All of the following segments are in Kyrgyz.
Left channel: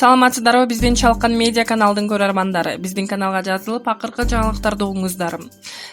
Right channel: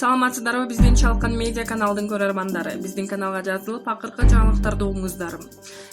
Саламатсыздарбы биздин Чалкан медиа каналдын көрөрмандары. Биздин каналга жазылып, акыркы жаңылыктарды угуңуздар.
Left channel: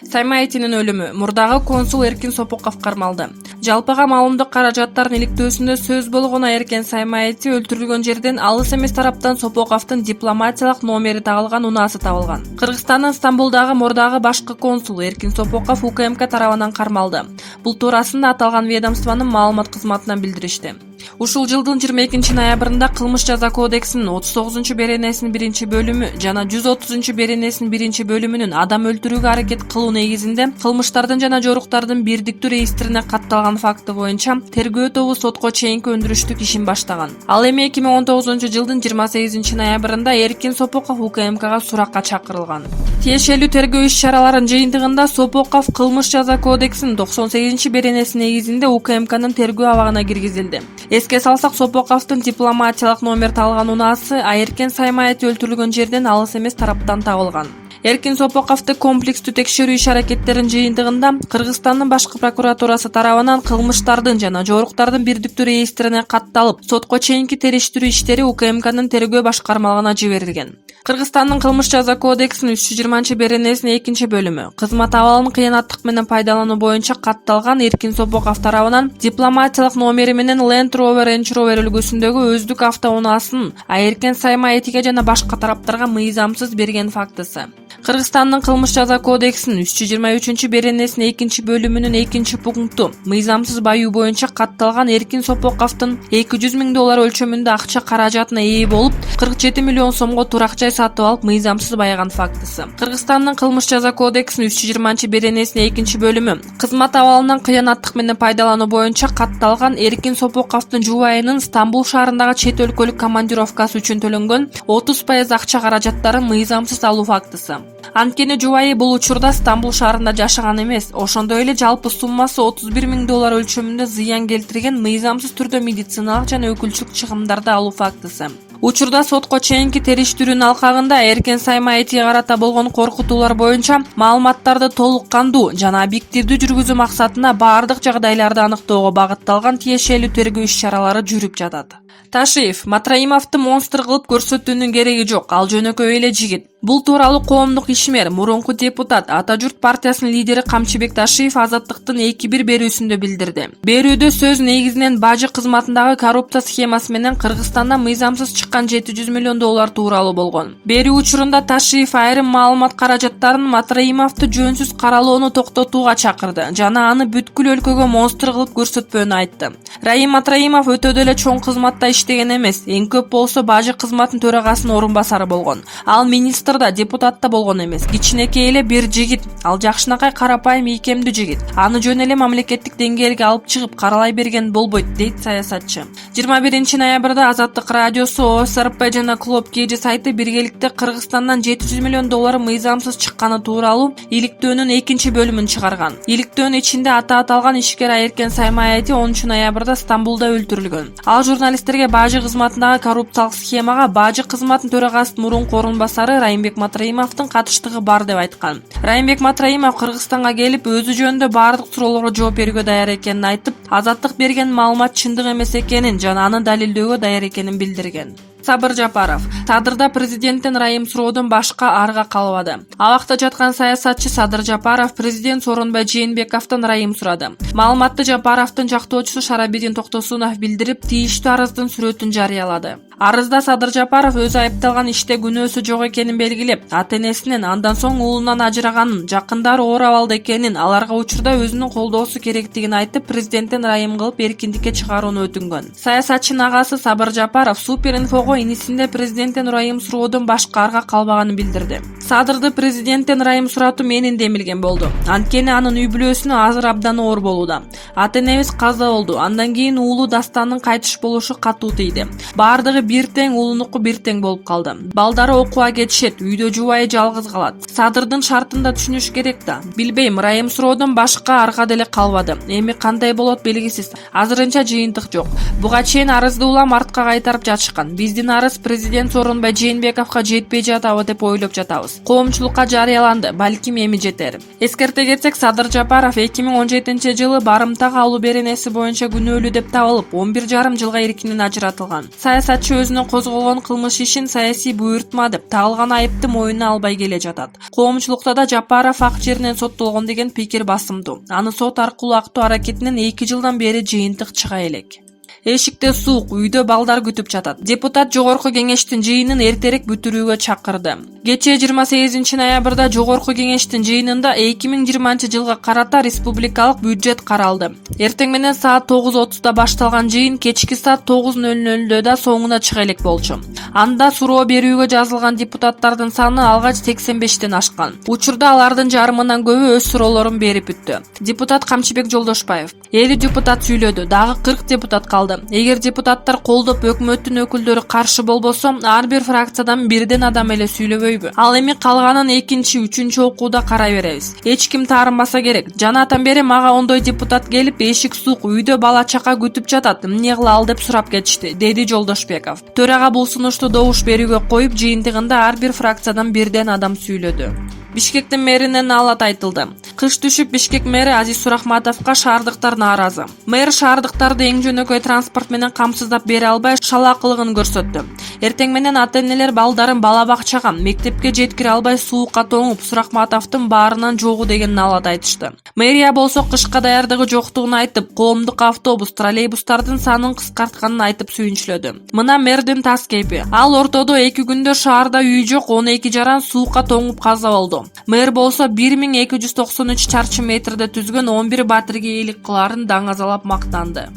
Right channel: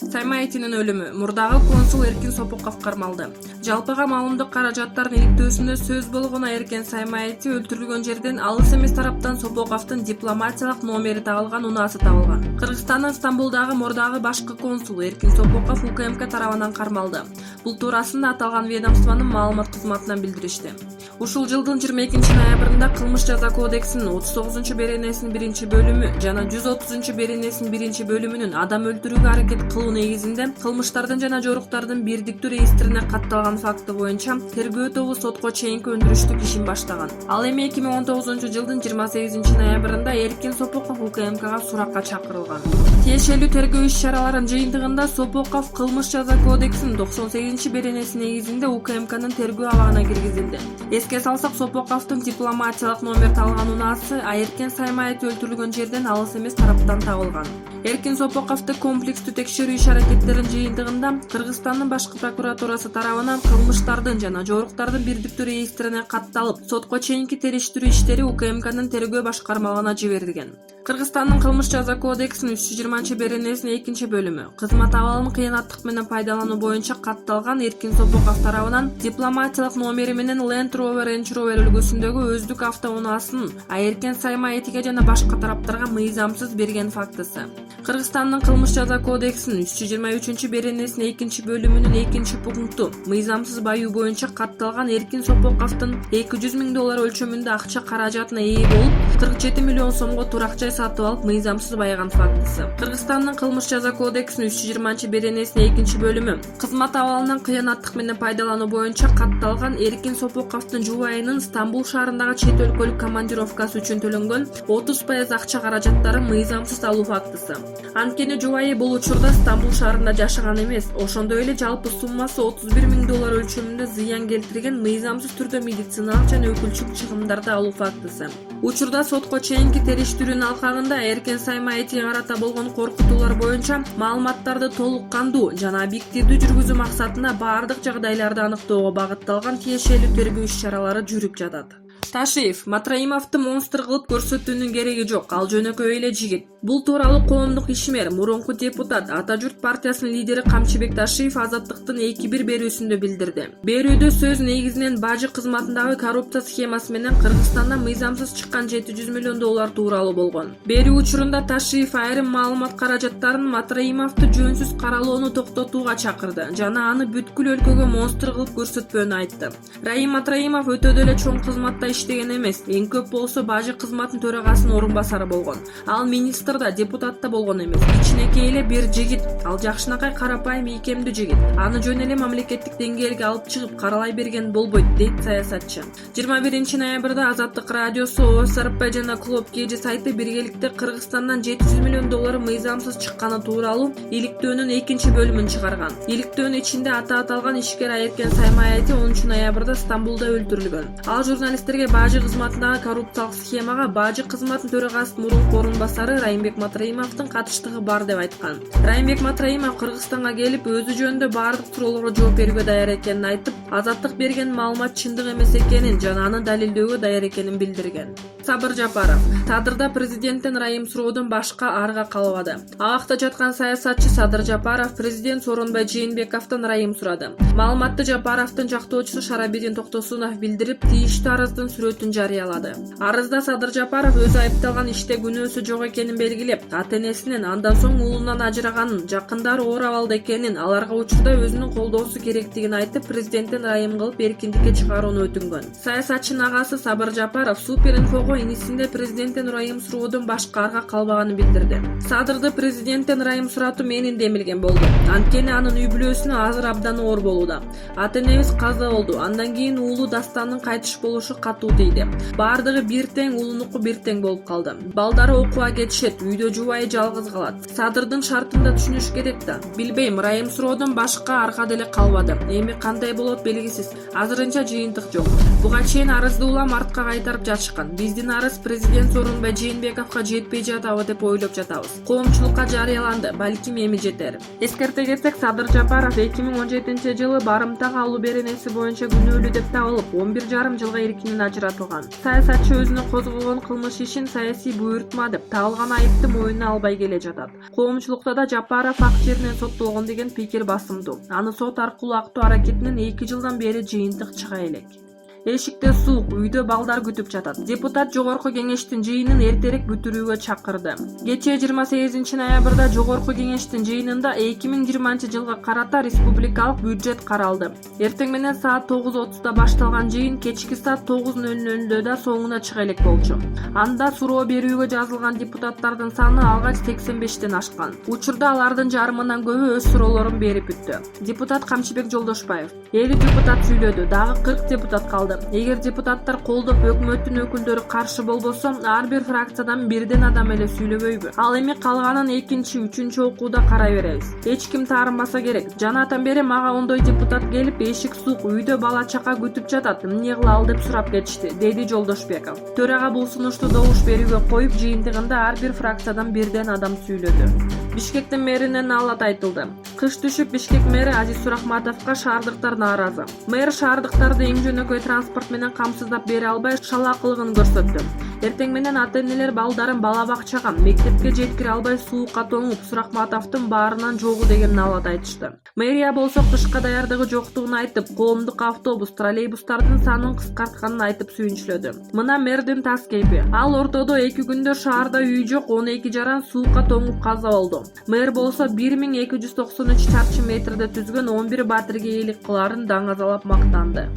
Сайма Айтинин өлүмү. Мурдагы консул Эркин Сопоков кармалды. Жалпыга маалымдык каражаттардын иликтөөсүндө сөз болгон Эркин Сайма Айти өлтүрүлгөн жерден алыс эмес тараптан Сопоковдун дипломатиялык номери табылган унаасы табылган. Кыргызстандын Стамбулдагы мурдагы башкы консулу Эркин Сопоков УКМК тарабынан кармалды. Бул туурасында аталган ведомствонун маалымат кызматынан билдиришти. Ушул жылдын 22 ноябрында кылмыш жаза кодексинин 39 беренесинин 1-бөлүмү жана 130 беренесинин 1-бөлүмүнүн адам өлтүрүүгө аракет кылуу негизинде кылмыштардын жана жоруктардын бирдиктүү реестрине катталган факты боюнча тергөө тобу сотко чейинки өндүрүштүк ишин баштаган. Ал эми 2019 жылдын 28 ноябрында Эркин Сопоков УКМКга суракка чакырылган. Тиешелүү тергөө иш-чараларынын жыйынтыгында Сопоков кылмыш жаза кодексинин 98 беренеси негизинде УКМКнын тергөө абагына киргизилди. Эске салсак, Сопоковдун дипломатиялык номер табылган унаасы Эркин Сайма Айти өлтүрүлгөн жерден алыс эмес тараптан табылган. Эркин Сопоковду комплекстүү текшерүү иш-аракеттеринин жыйынтыгында Кыргызстандын башкы прокуратурасы тарабынан кылмыштардын жана жоруктардын бирдиктүү реестрине катталып, сотко чейинки териштирүү иштери УКМКнын тергөө башкармалыгына жиберилген. Кыргызстандын кылмыш жаза кодексинин 320 беренесинин 2-бөлүмү кызмат абалын кыянаттык менен пайдалануу боюнча катталган Эркин Сопоков тарабынан дипломатиялык номери менен Land Rover Range Rover үлгүсүндөгү өздүк автоунаасын Эркин Сайма Айтиге жана башка тараптарга мыйзамсыз берген фактысы. Кыргызстандын кылмыш жаза кодексинин 323 беренесинин 2-бөлүмүнүн 2-пункту мыйзамсыз баюу боюнча катталган Эркин Сопоковдун $200,000 өлчөмүндө акча каражатына ээ болуп, 47 миллион сомго турак жай сатып алып мыйзамсыз байган фактысы. Кыргызстандын кылмыш жаза кодексинин 320 беренесинин 2-бөлүмү кызмат абалынан кыянаттык менен пайдалануу боюнча катталган Эркин Сопоковдун жубайынын Стамбул шаарындагы чет өлкөлүк командировкасы үчүн төлөнгөн 30% акча каражаттарын мыйзамсыз алуу фактысы. Анткени жубайы бул учурда Стамбул шаарында жашаган эмес, ошондой эле жалпы суммасы $31,000 өлчөмүндө зыян келтирген мыйзамсыз түрдө медициналык жана өкүлчүлүк чыгымдарды алуу фактысы. Учурда сотко чейинки териштирүүнүн алкагында Эркин Сайма Айтиге карата болгон коркутуулар боюнча маалыматтарды толук кандуу жана объективдүү жүргүзүү максатында баардык жагдайларды аныктоого багытталган тиешелүү тергөө иш-чаралары жүрүп жатат. Ташиев: Матраимовду монстр кылып көрсөтүүнүн кереги жок, ал жөнөкөй эле жигит. Бул тууралуу коомдук ишмер, мурунку депутат, Ата журт партиясынын лидери Камчыбек Ташиев Азаттыктын 2-1 берүүсүндө билдирди. Берүүдө сөз негизинен бажы кызматындагы коррупция схемасы менен Кыргызстанда мыйзамсыз чыккан $700 миллион тууралуу болгон. Берүү учурунда Ташиев айрым маалымат каражаттарын Матраимовду жөнсүз каралоону токтотууга чакырды жана аны бүткүл өлкөгө монстр кылып көрсөтпөөнү айтты. Раим Матраимов өтө деле чоң кызматта иштеген эмес, эң көп болсо бажы кызматынын төрагасынын орун басары болгон. Ал министр да, депутат да болгон эмес. Кичинекей эле бир жигит. Ал жакшынакай карапайым ийкемдүү жигит. Аны жөн эле мамлекеттик деңгээлге алып чыгып каралай берген болбойт, дейт саясатчы. 21 ноябрда Азаттык радиосу, ОСРП жана Клуб Кежи сайты биргеликте Кыргызстандан $700 миллион мыйзамсыз чыкканы тууралуу иликтөөнүн 2-бөлүмүн чыгарган. Иликтөөнүн ичинде аталган ишкер Эркин Сайма Айти 10 ноябрда Стамбулда өлтүрүлгөн. Ал журналисттерге бажы кызматындагы коррупциялык схемага бажы кызматынын төрагасынын мурунку орун басары Раймбек Матраимовдун катыштыгы бар деп айткан. Раймбек Матраимов Кыргызстанга келип, өзү жөнүндө бардык суроолорго жооп берүүгө даяр экенин айтып, Азаттык берген маалымат чындык эмес экенин жана аны далилдөөгө даяр экенин билдирген. Сабыр Жапаров: Тадырда президенттен ырайым суроодон башка арга калбады. Абакта жаткан саясатчы Садыр Жапаров президент Сооронбай Жээнбековдон ырайым сурады. Маалыматты Жапаровдун жактоочусу Шарабидин Токтосунов билдирип, тийиштүү арыздын сүрөтүн жарыялады. Арызда Садыр Жапаров өзү айыпталган иште күнөөсү жок экенин белгилеп, ата-энесинен андан соң уулунан ажыраганын, жакындары оор абалда экенин, аларга учурда өзүнүн колдоосу керектигин айтып, президенттен ырайым кылып эркиндикке чыгарууну өтүнгөн. Саясатчынын агасы Сабыр Жапаров Суперинфого инисинде президенттен ырайым суроодон башка арга калбаганын билдирди. Садырды президенттен ырайым суратуу менин демилген болду. Анткени анын үй бүлөсүнө азыр абдан оор болууда. Ата-энебиз каза болду. Андан кийин уулу Дастандын кайтыш болушу катуу тийди. Бардыгы бир тең, уулунуку бир тең болуп калды. Балдары окууга кетишет, үйдө жубайы жалгыз калат. Садырдын шартын да түшүнүш керек да. Билбейм, ырайым суроодон башка арга деле калбады. Эми кандай болот белгисиз. Азырынча жыйынтык жок. Буга чейин арызды улам артка кайтарып жатышкан. Биздин арыз президент Сооронбай Жээнбековго жетпей жатабы деп ойлоп жатабыз. Коомчулукка жарыяланды, балким эми жетер. Эскерте кетсек, Садыр Жапаров 2017-жылы барымтага алуу беренеси боюнча күнөөлүү деп табылып, 11,5 жылга эркинен ажыратылган. Саясатчы өзүнө козголгон кылмыш ишин саясий буйртма деп тагылган айыпты мойнуна албай келе жатат. Коомчулукта да Жапаров ак жеринен соттолгон деген пикир басымдуу. Аны сот аркылуу актоо аракетинен 2 жылдан бери жыйынтык чыга элек. Эшикте суук, үйдө балдар күтүп жатат. Депутат Жогорку кеңештин жыйынын эртерээк бүтүрүүгө чакырды. Кечээ 28 ноябрда Жогорку кеңештин жыйынында 2020-жылга карата республикалык бюджет каралды. Эртең менен саат 9:30 башталган жыйын кечки саат 9:00 да соңуна чыга элек болчу. Анда суроо берүүгө жазылган депутаттардын саны алгач 85ден ашкан. Учурда алардын жарымынан көбү өз суроолорун берип бүттү. Депутат Камчыбек Жолдошбаев: 50 депутат сүйлөдү, дагы 40 депутат калды. Эгер депутаттар колдоп, өкмөттүн өкүлдөрү каршы болбосо, ар бир фракциядан бирден адам эле сүйлөбөйбү? Ал эми калганын 2, 3 окууда карай беребиз. Эч ким таарынбаса керек. Жанатан бери мага ондой депутат келип, эшик суук, үйдө бала чака күтүп жатат, эмне кылалы деп сурап кетишти, деди Жолдошбеков. Төрага бул сунушту добуш берүүгө коюп, жыйынтыгында ар бир фракциядан бирден адам сүйлөдү. Бишкектин мэринен алат айтылды. Кыш түшүп, Бишкек мэри Азиз Сурахматовго шаардыктар нааразы. Мэр шаардыктарды эң жөнөкөй транспорт менен камсыздап бере албай шалаакылыгын көрсөттү. Эртең менен ата-энелер балдарын бала бакчага, мектепке жеткире албай суукка тоңуп, Сурахматовдун баарынан жогу деген налат айтышты. Мэрия болсо кышка даярдыгы жоктугун айтып, коомдук автобус, троллейбустардын санын кыскартканын айтып сүйүнчүлөдү. Мына мэрдин тас кейпи. Ал ортодо 2 күндө шаарда үй жок, 12 жаран суукка тоңуп каза болду. Мэр болсо 1293 чарчы метрде түзгөн 11 батирге ээлик кыларын даңазалап мактанды.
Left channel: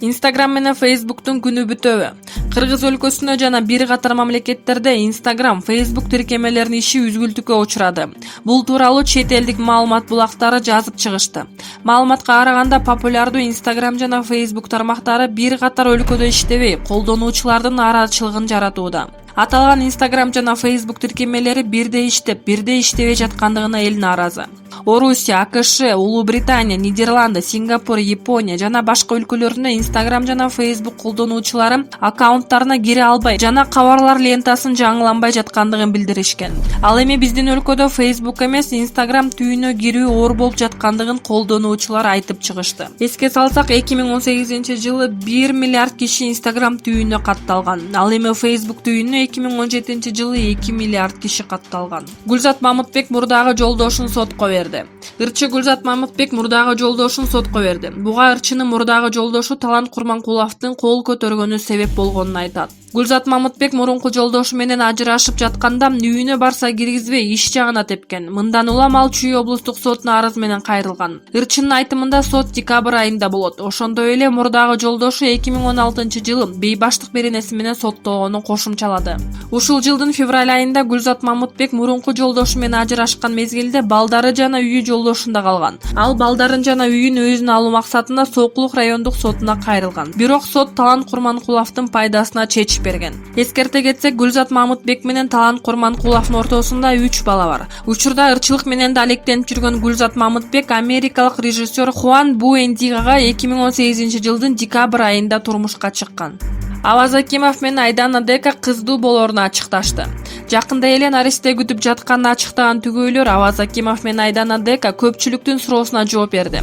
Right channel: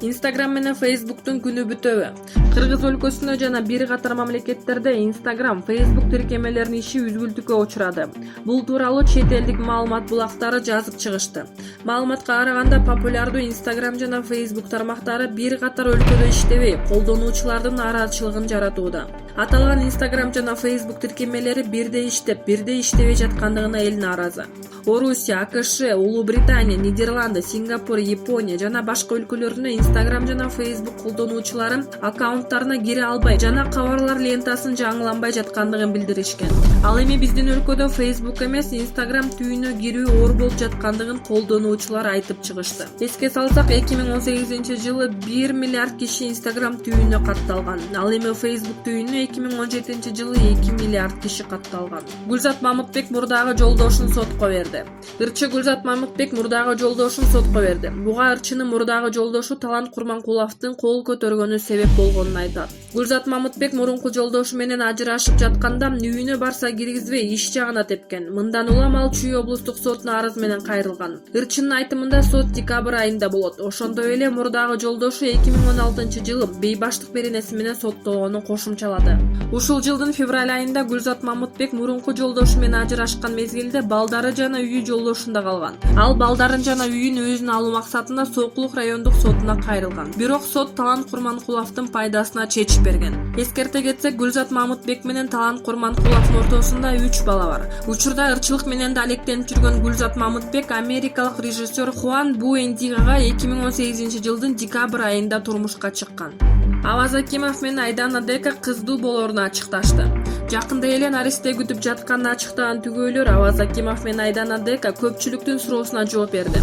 Instagram менен Facebooktун күнү бүтөбү? Кыргыз өлкөсүндө жана бир катар мамлекеттерде Instagram, Facebook тиркемелеринин иши үзгүлтүккө учурады. Бул тууралуу чет элдик маалымат булактары жазып чыгышты. Маалыматка караганда, популярдуу Instagram жана Facebook тармактары бир катар өлкөдө иштебей, колдонуучулардын нааразычылыгын жаратууда. Аталган Instagram жана Facebook тиркемелери бирдей иштеп, бирдей иштебей жаткандыгына эл нааразы. Орусия, АКШ, Улуу Британия, Нидерланды, Сингапур, Япония жана башка өлкөлөрдө Instagram жана Facebook колдонуучулары аккаунттарына кире албай жана кабарлар лентасын жаңыланбай жаткандыгын билдиришкен. Ал эми биздин өлкөдө Facebook эмес, Instagram түйүнө кирүү оор болуп жаткандыгын колдонуучулар айтып чыгышты. Эске салсак, 2018-жылы 1 миллиард киши Instagram түйүнө катталган. Ал эми Facebook түйүнө 2017-жылы 2 миллиард киши катталган. Гүлзат Мамытбек мурдагы жолдошун сотко берди. Ырчы Гүлзат Мамытбек мурдагы жолдошун сотко берди. Буга ырчынын мурдагы жолдошу Талант Курманкуловдун кол көтөргөнү себеп болгонун айтат. Гүлзат Мамытбек мурунку жолдошу менен ажырашып жатканда үйүнө барса киргизбей иш жагына тепкен. Мындан улам ал Чүй облустук сотуна арыз менен кайрылган. Ырчынын айтымында сот декабрь айында болот. Ошондой эле мурдагы жолдошу 2016-жылы бейбаштык беренеси менен соттолгонун кошумчалады. Ушул жылдын февраль айында Гүлзат Мамытбек мурунку жолдошу менен ажырашкан мезгилде балдары жана үйү жолдошунда калган. Ал балдарын жана үйүн өзүнө алуу максатында Сокулук райондук сотуна кайрылган. Бирок сот Талант Курманкуловдун пайдасына чечим берген. Эскерте кетсек, Гүлзат Мамытбек менен Талант Курманкуловдун ортосунда 3 бала бар. Учурда ырчылык менен да алектенип жүргөн Гүлзат Мамытбек америкалык режиссер Хуан Буэндигага 2018-жылдын декабрь айында турмушка чыккан. Аваз Акимов менен Айдана Дека кыздуу болоруну ачыкташты. Жакында эле наристе күтүп жатканын ачыктаган түгөйлөр Аваз Акимов менен Айдана Дека көпчүлүктүн суроосуна жооп берди.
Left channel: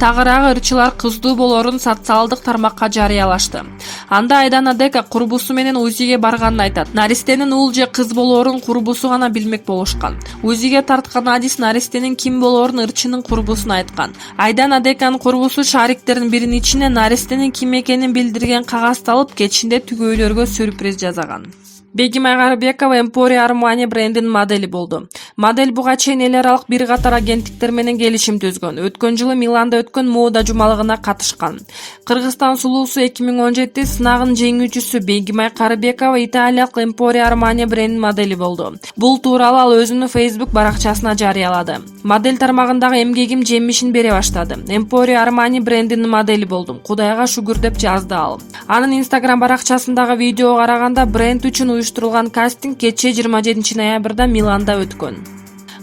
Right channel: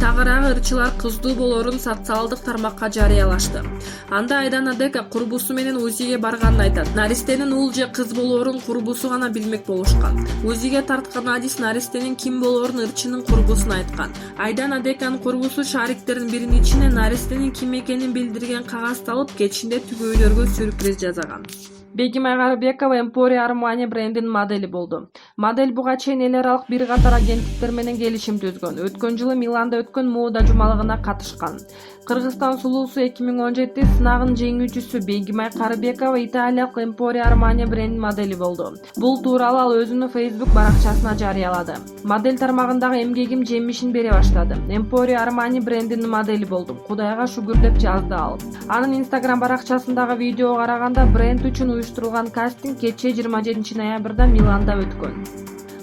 Тагыраагы ырчылар кыздуу болорун социалдык тармакка жарыялашты. Анда Айдана Дека курбусу менен УЗИге барганын айтат. Наристенин уул же кыз болорун курбусу гана билмек болушкан. УЗИге тарткан адис наристенин ким болорун ырчынын курбусуна айткан. Айдана Деканын курбусу шариктердин биринин ичине наристенин ким экенин билдирген кагазды алып, кечинде түгөйлөргө сюрприз жасаган. Бегимай Карыбекова Emporia Armani брендинин модели болду. Модель буга чейин эл аралык бир катар агенттиктер менен келишим түзгөн. Өткөн жылы Миланда өткөн мода жумалыгына катышкан. Кыргызстан сулуусу 2017 сынагынын жеңүүчүсү Бегимай Карыбекова Италиялык Emporia Armani брендинин модели болду. Бул тууралуу ал өзүнүн Facebook баракчасына жарыялады. Модель тармагындагы эмгегим жемишин бере баштады. Emporia Armani брендинин модели болдум. Кудайга шүгүр деп жазды ал. Анын Instagram баракчасындагы видеого караганда бренд үчүн уюштурулган кастинг кечээ 27 ноябрда Миланда өткөн.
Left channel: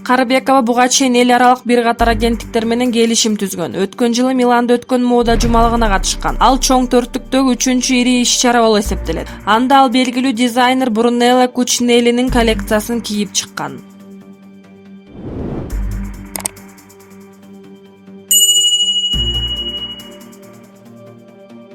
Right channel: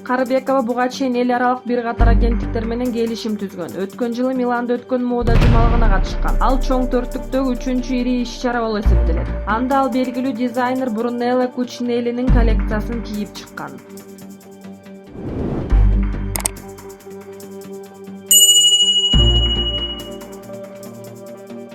Карыбекова буга чейин эл аралык бир катар агенттиктер менен келишим түзгөн. Өткөн жылы Миланда өткөн мода жумалыгына катышкан. Ал чоң төрттүктөгү 3-чү ири иш-чара болуп эсептелет. Анда ал белгилүү дизайнер Брунелло Кучинеллинин коллекциясын кийип чыккан.